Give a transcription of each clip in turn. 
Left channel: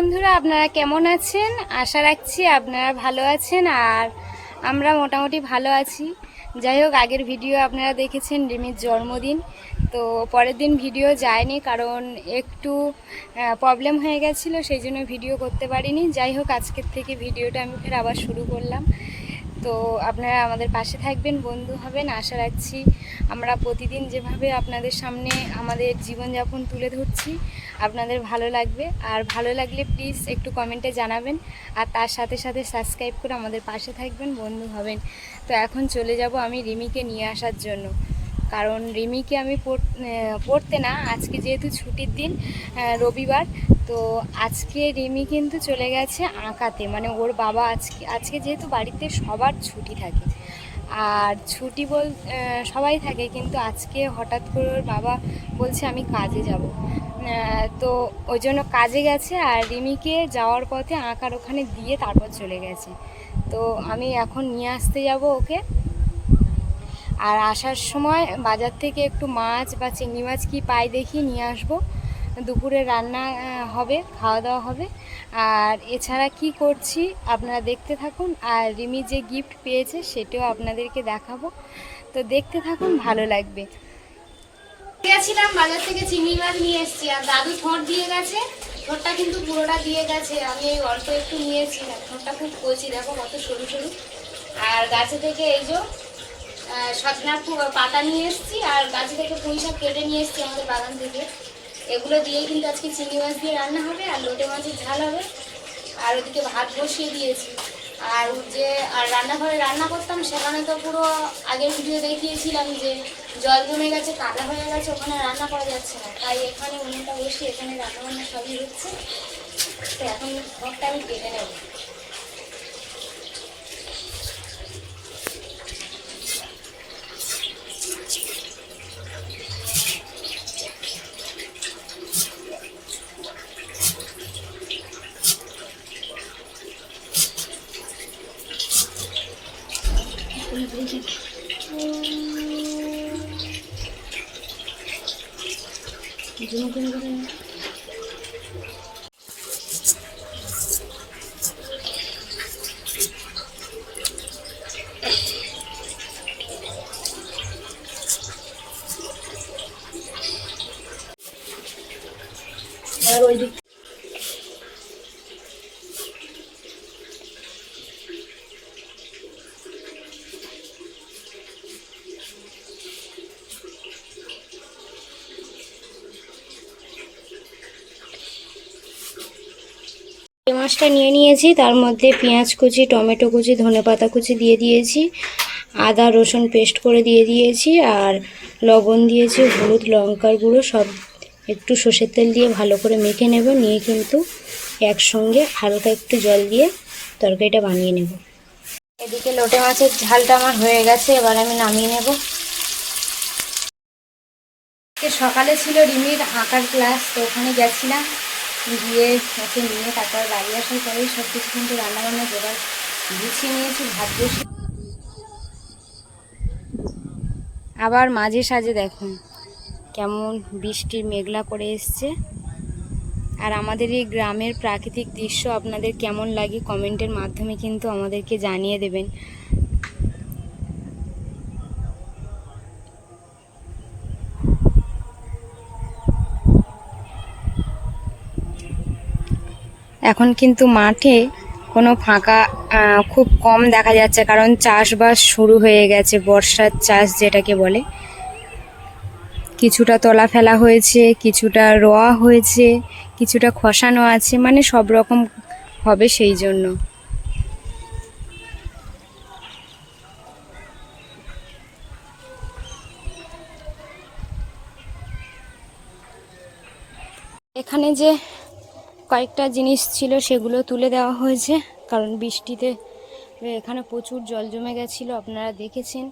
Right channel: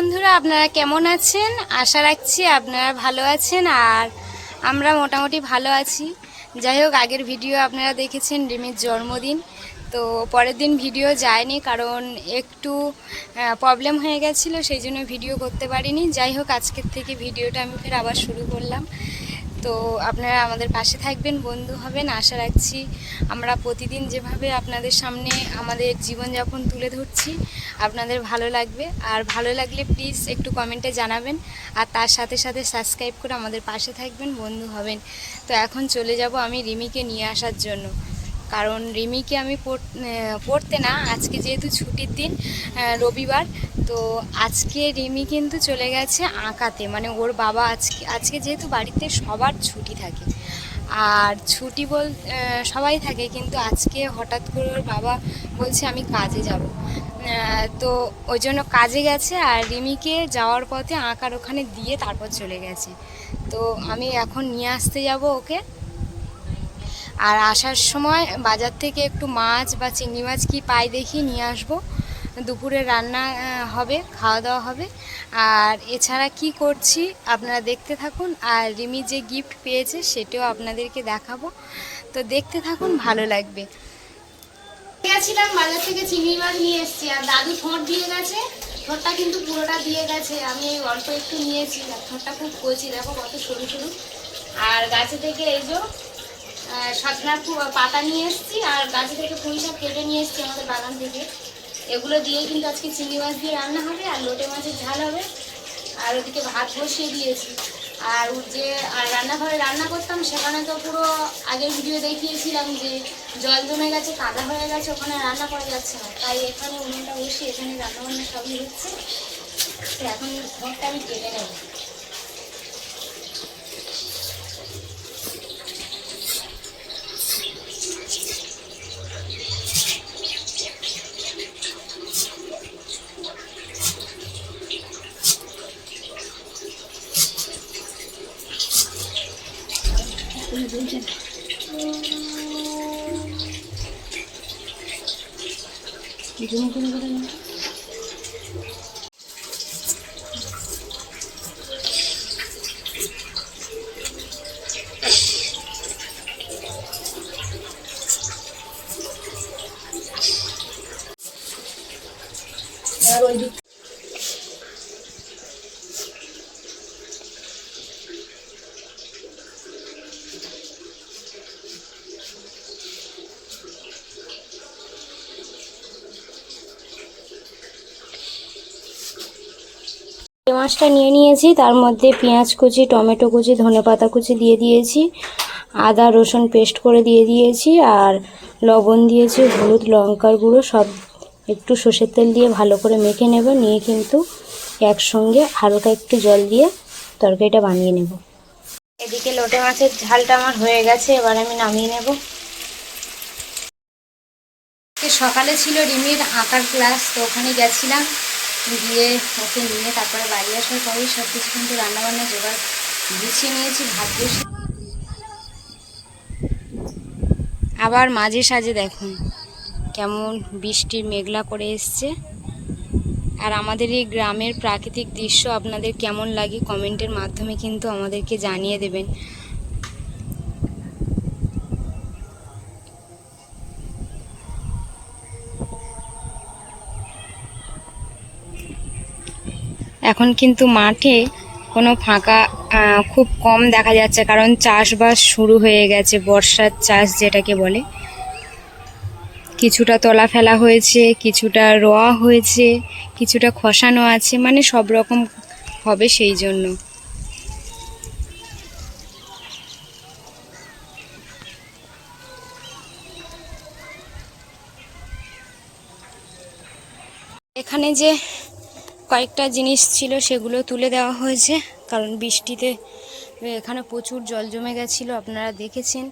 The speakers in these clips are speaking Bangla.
বন্ধুরা, আপনারা কেমন আছেন? আশা রাখছি আপনারা ভালো আছেন আর আমরা মোটামুটি ভালো আছি। যাই হোক, আগের ভিডিও আপনারা দেখেছেন রিমির জন্মদিন, তো পরের দিন ভিডিও যায়নি কারণ একটু প্রবলেম হয়ে গেছিলো, সেই জন্য ভিডিও করতে পারিনি। যাই হোক, আজকের থেকে ভিডিওটা আমি ফের আবার শুরু করলাম। তো আপনারা আমাদের পাশে থাকবেন, বন্ধু হবেন, আশা রাখছি। আমরা প্রতিদিন যেভাবে আপনাদের সামনে আমাদের জীবনযাপন তুলে ধরছি আপনাদের ভালো লাগবে, আর ভালো লাগলে প্লিজ একটু কমেন্টে জানাবেন, আর তার সাথে সাথে সাবস্ক্রাইব করে আমাদের পাশে থাকবেন, বন্ধু হবেন। তো এখন চলে যাব আমি রিমিকে নিয়ে আসার জন্য, কারণ রিমিকে আমি পড়তে না, আজকে যেহেতু ছুটির দিন, রবিবার, তো আজকে রিমি কিন্তু চলে গেছে আঁকাতে। মানে ওর বাবা আজকে যেহেতু বাড়িতে সবার ছুটি থাকে, আর ছুটি সবাই থাকে, কিন্তু আজকে হঠাৎ করে ওর বাবা বলছে আমি কাজে যাব, তো ওই জন্য কাজে গেছে। আর রিমিকে যাওয়ার পথে আঁকার ওখানে দিয়ে তারপর চলে গেছে। তো আমি এখন নিয়ে আসতে যাব ওকে, আর আসার সময় বাজার থেকে একটু মাছ বা চিংড়ি মাছ কি পাই দেখি নিয়ে আসবো। দুপুরে রান্না হবে, খাওয়া দাওয়া হবে। আর এছাড়া কি করছি আপনারা দেখতে থাকুন, আর রিমি যে গিফট পেয়েছে সেটাও আপনাদেরকে দেখাবো, তো দেখতে থাকুন, ভালো লাগবে। গেছিলাম বাজার থেকে চিংড়ি মাছ নিয়ে এসেছি, আর দাদু ঠোঁট দিয়ে গেছে, ঠোঁটটা কিন্তু পুরোটা দিয়ে গেছে, আমি এই অল্প একটু নিয়েছি। ঠোঁটটা খুব কচি, দেখো কত সরু সরু। আর গাছে থেকে এই যে সজনা পাতা নিয়ে এসেছি, আর গাছে থেকে পুঁই শাক কেটে নিয়ে এসেছি আমাদের বাগান থেকে। এগুলো দিয়ে কিন্তু আজকে চিংড়ি মাছ দিয়ে রান্না হবে, আর লোটে মাছের ঝাল হবে। আর ওদিকে ভাত বসিয়ে দিয়েছি। আর রান্নাঘরে রান্না করতাম, সেখানে তো পুরো আগের ভিডিও দেখিয়েছিলাম যে জল জমে গেছে, কাদা হয়ে গেছে, ওখানে রান্না করা যাচ্ছে না। তাই এখানে উনুনটা বসিয়ে এখানে রান্নাবান্না সবই হচ্ছে। তো এখন ঘরটা আমি কেটে নেব। আর ওই দিক মাছটা নিয়ে নিয়েছি, তার মধ্যে পেঁয়াজ কুচি, টমেটো কুচি, ধনেপাতা কুচি দিয়ে দিয়েছি, আদা রসুন পেস্ট করে দিয়ে দিয়েছি, আর লবণ দিয়েছি, হলুদ, লঙ্কার গুঁড়ো সব একটু সর্ষের তেল দিয়ে ভালো করে মেখে নেব। নিয়ে কিন্তু একসঙ্গে হালকা একটু জল দিয়ে তরকারিটা বানিয়ে নেব। এদিকে লোটে মাছের ঝালটা আমার হয়ে গেছে, এবার আমি নামিয়ে নেব। সকালে ছিল রিমির আঁকার ক্লাস, তো ওখানে গেছিলাম, গিয়ে ওকে নিয়ে তারপরে বাড়ি আসার পরেই সব কিছু কিন্তু রান্নাবান্না জোগাড় গুছিয়ে নিয়েছি। ভাত বসে আবার মাঝে সাঝে দেখুন কেমন বৃষ্টির মেঘলা করে এসছে। আর আমাদের এই গ্রামের প্রাকৃতিক দৃশ্য আপনাদের কেমন লাগে কমেন্টের মাধ্যমে কিন্তু আমাদেরকে জানিয়ে দেবেন। এখন কিন্তু মাঠে কোনো ফাঁকা খুব কম দেখা যাচ্ছে, কারণ চাষবাস শুরু হয়ে গেছে, বর্ষার চাষ যেটাকে বলে। কিছুটা তলা ফেলা হয়েছে, কিছুটা রোয়া হয়েছে, কিছুটা খসানো আছে, মানে সব রকম হবে সেই জন্য। এখানে যে কয়েকটা জিনিস ছিল সেগুলো তুলে দেওয়া হয়েছে, কারণ বৃষ্টিতে এখানে প্রচুর জল জমে গেছিলো, আপনারা দেখেছেন।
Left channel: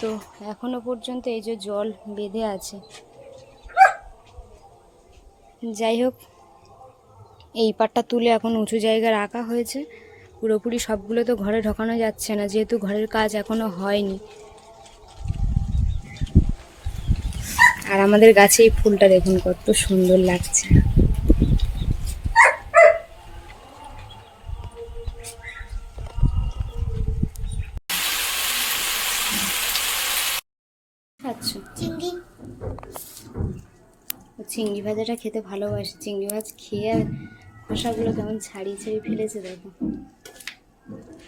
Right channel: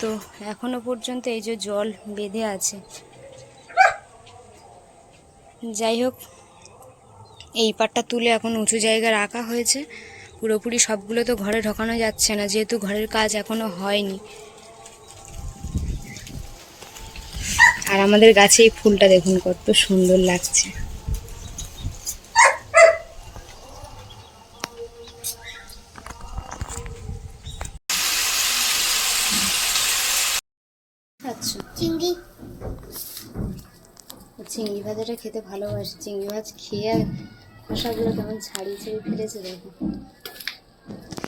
তো এখনো পর্যন্ত এই যে জল বেঁধে আছে। যাই হোক, এই পাটটা তুলে এখন উঁচু জায়গায় রাখা হয়েছে। পুরোপুরি সবগুলো তো ঘরে ঢোকানো যাচ্ছে না, যেহেতু ঘরের কাজ এখনো হয়নি। আর আমাদের গাছে এই ফুলটা দেখুন কত সুন্দর লাগছে। চিংড়ি ভাজাটা খেতে ভালোবাসে। চিংড়ি মাছ খেয়ে খোসাগুলো কেমন ছাড়িয়ে ছাড়িয়ে ফেলেছে দেখো,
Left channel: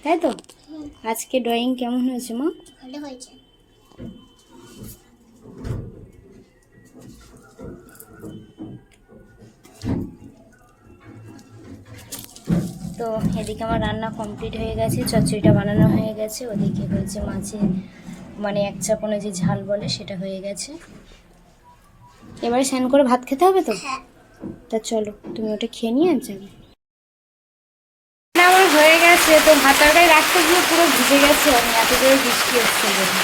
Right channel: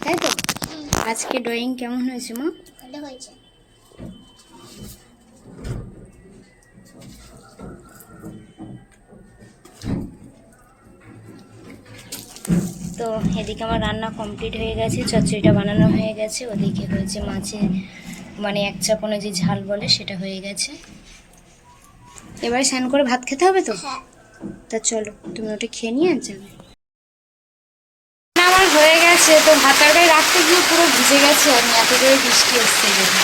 তাই তো? আজকে ড্রয়িং কেমন হয়েছে মা? ভালো হয়েছে। তো এদিকে আমার রান্না কমপ্লিট হয়ে গেছে, চচ্চড়িটা বানানো হয়ে গেছে, ওদিকে হয়েছে মাছের মানে এক চাপনে যে ঝাল বলে সেটা হয়ে গেছে। এবারে স্নান করে ভাত খেতে হবে তো? হ্যাঁ। তা চলো তুমি ওটা খেয়ে নিয়ে আর যাবে। আমার হয়ে গেছে, তো ভাত তরকারি রাখতে গিয়ে পুরো ভিজে গেছে আমি, এত জোরে বৃষ্টি এসছে গেলে।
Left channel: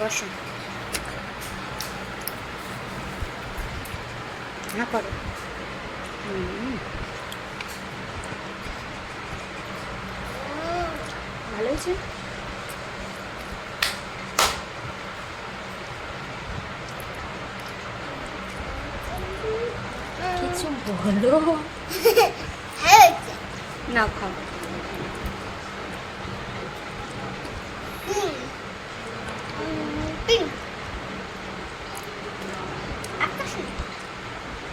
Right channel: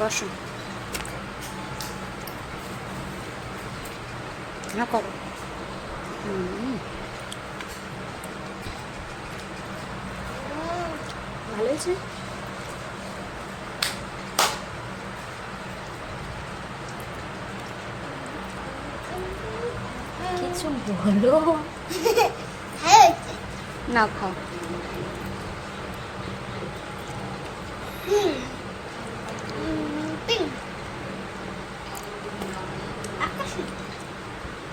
বসো, না করো। ভালো হয়েছে। কিছু বলো না, খাও।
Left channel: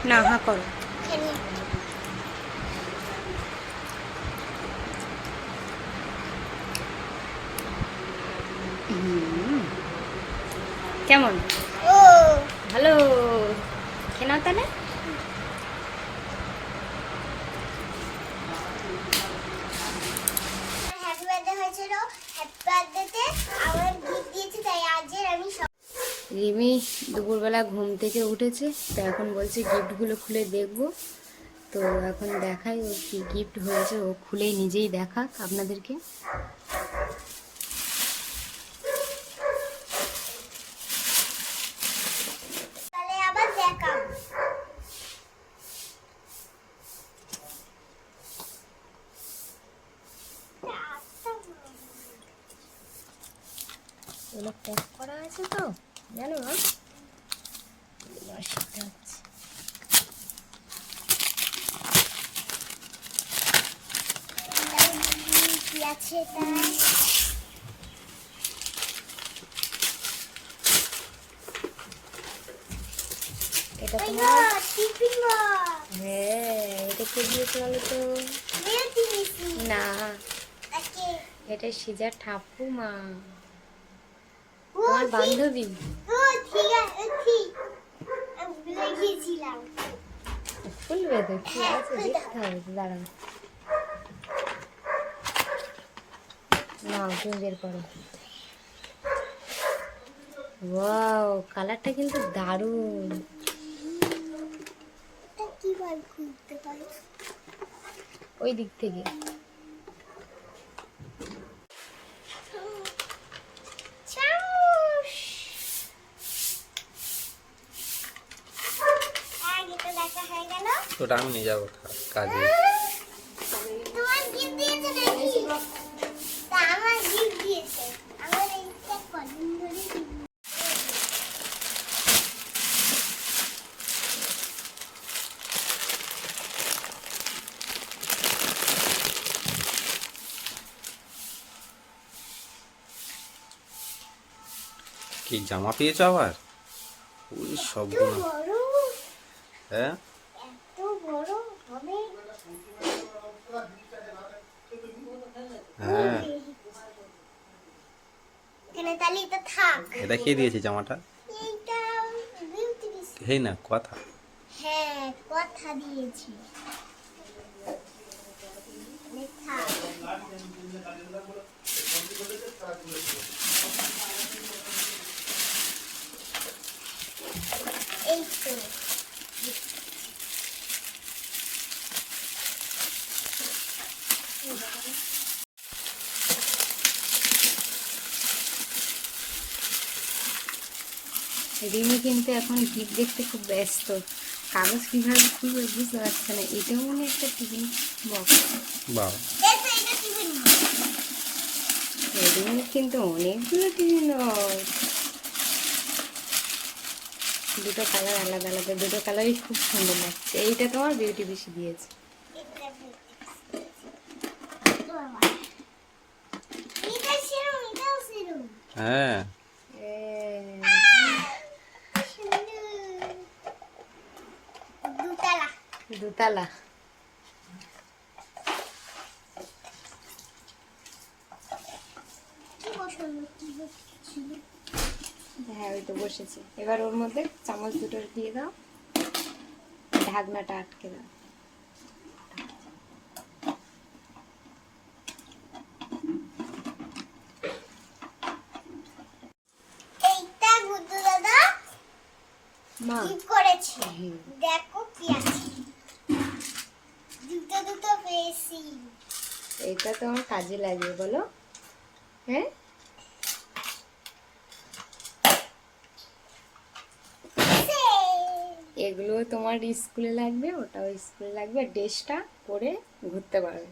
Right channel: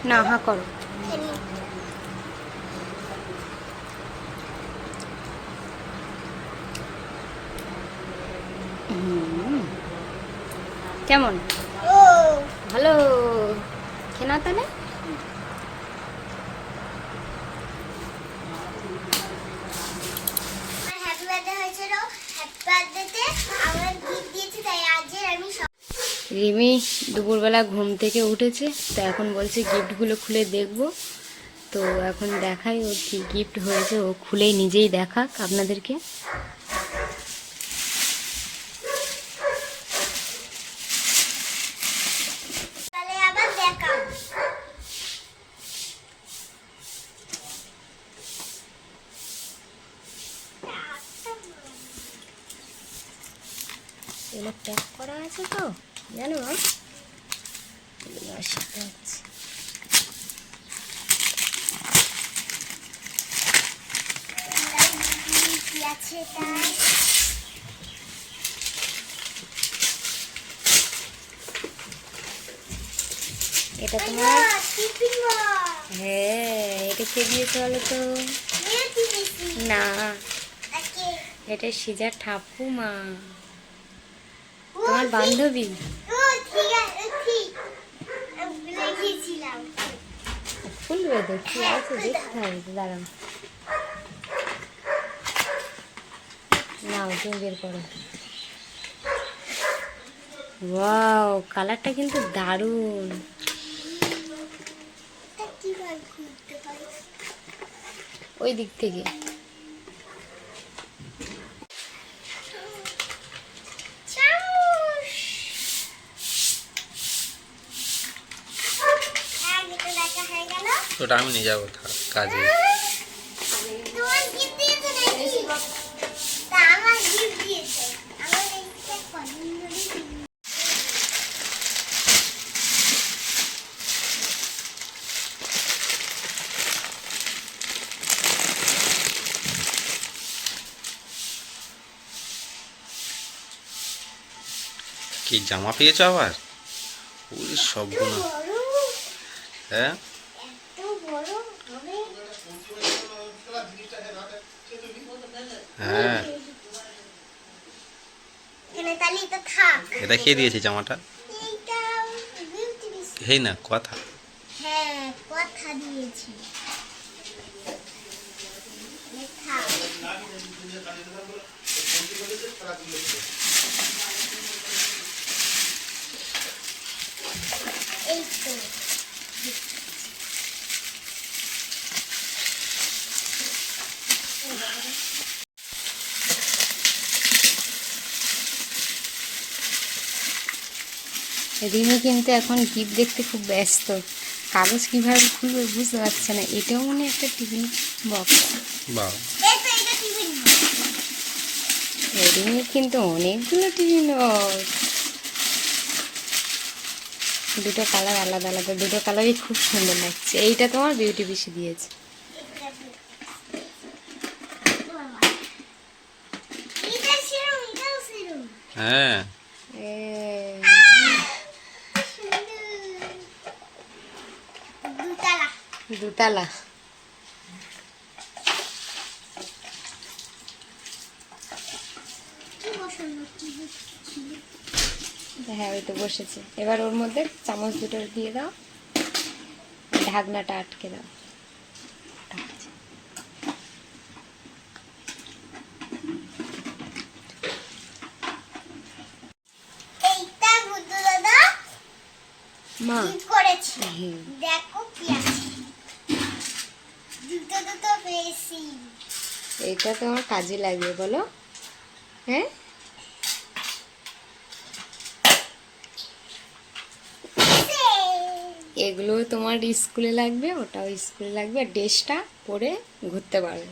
না, হা করো। কেমন? ভালো, খেয়ে নাও তাহলে। রিমি দুপুরবেলা ঘুম থেকে উঠেছে, তো এখন বলছে গিফটগুলো খুলে দেখবো। তো এখন দেখাই ওর কি গিফট হয়েছে, ও খুলেই নিজেই দেখাক আপনাদেরকে। এগুলো প্যাক করা আছে তো জানো, এটা তোমার। হ্যাঁ, এটা কে দিয়েছে বলো তো? না, এটা সিজার ঠাকুমা, তোমার বান্ধবী। খুলবে তো, কি আছে দেখতে হবে, দাঁড়াও। নাও তুমি বের করো। ওয়াও, কালারটা কিন্তু দারুণ। ওই দিক থেকে ওটা আমি নিয়ে যাবো কাজে। কি জামা পেয়েছো আবার? ওই সবগুলো। হ্যাঁ, হ্যাঁ, এটা কে দিয়েছে জামাটা? হেই না কথা। হ্যাঁ, কথা দিয়েছি। এই তো রিমি কিন্তু এখন গিফট দেখতে খুব ব্যস্ত, কাগজ কিভাবে খুলবে বুঝতে পারছে না। এটাও মনে একটা টিফিন বক্স। বাহ, এই তো এটা টিফিন। রেডিমেড কিন্তু অনেকগুলো টিভি নোট, দুটো কালার আলাদা আলাদা, দুটো কালারই খুব সুন্দর লাগছে। এইটা তোমার বিউটি বেশি দিয়েছে। এটা সেরম, এটাও সেরম। হ্যাঁ এ, দুতলা। দুতলা। কি বসানো, কি ছিল? হ্যাঁ ওই তো বসেছে। এবার ওর মধ্যে চামচ দুটো দিয়ে দাও, ঢাকনাটা আটকে দাও। এইটা গুড্ডু দাদা মা কি করেছে? হুম। দেখো কি আছে। দুটো দুটো পেয়েছি। এইটা তোমার কাজে লাগবে বলো। হ্যাঁ এগুলো তোমার স্কুলে লাগবে, ওটাও স্কুলে লাগবে, আর ড্রেসটা পরে ঘুরতে পারবে।